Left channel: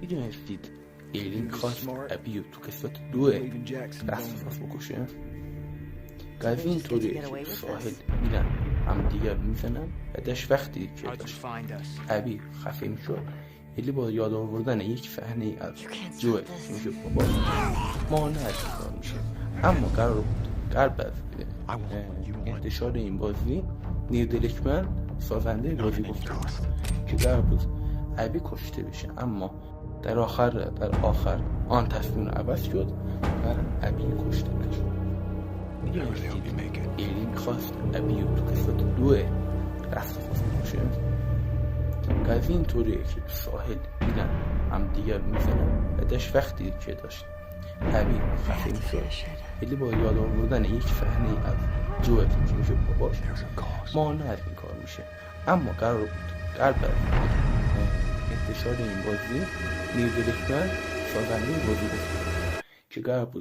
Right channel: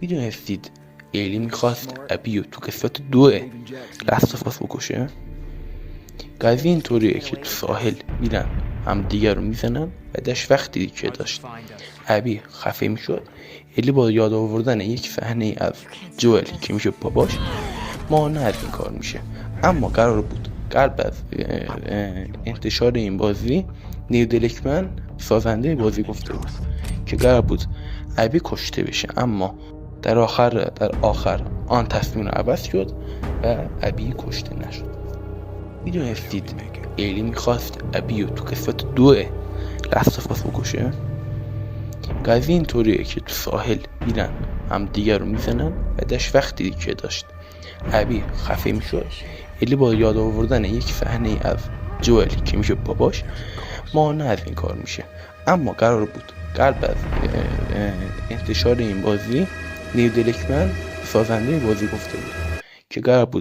میدونستید ایلی میخواست ابی رو تو قسمت 2 لاست آف اس بکشه؟ قضیه اینطوریه که تو ساحل میرن هم دیگر رو میزنن. بعدش وقتی که داشت ابی خفه میشد، ایلی با یاد آوردن یک صحنه از جوئل که میشه باباش مانع از این کار میشه. اما قرار بود قبل از انتشار این بازی نیل دریکمن سازنده بازی گفته بود که قرار بود ابی کشته بشه، اما در آخر آن تصمیم رو عوض شد و ابی کشته نشد. میدونستید ایلی میخواست ابی رو تو قسمت 2 لاست آف اس بکشه؟ قضیه اینطوریه که تو ساحل میرن هم دیگر رو میزنن. بعدش وقتی که داشت ابی خفه میشد، ایلی با یاد آوردن یک صحنه از جوئل که میشه باباش مانع از این کار میشه. اما قرار بود قبل از انتشار این بازی نیل دریکمن سازنده بازی گفته بود که قرار بود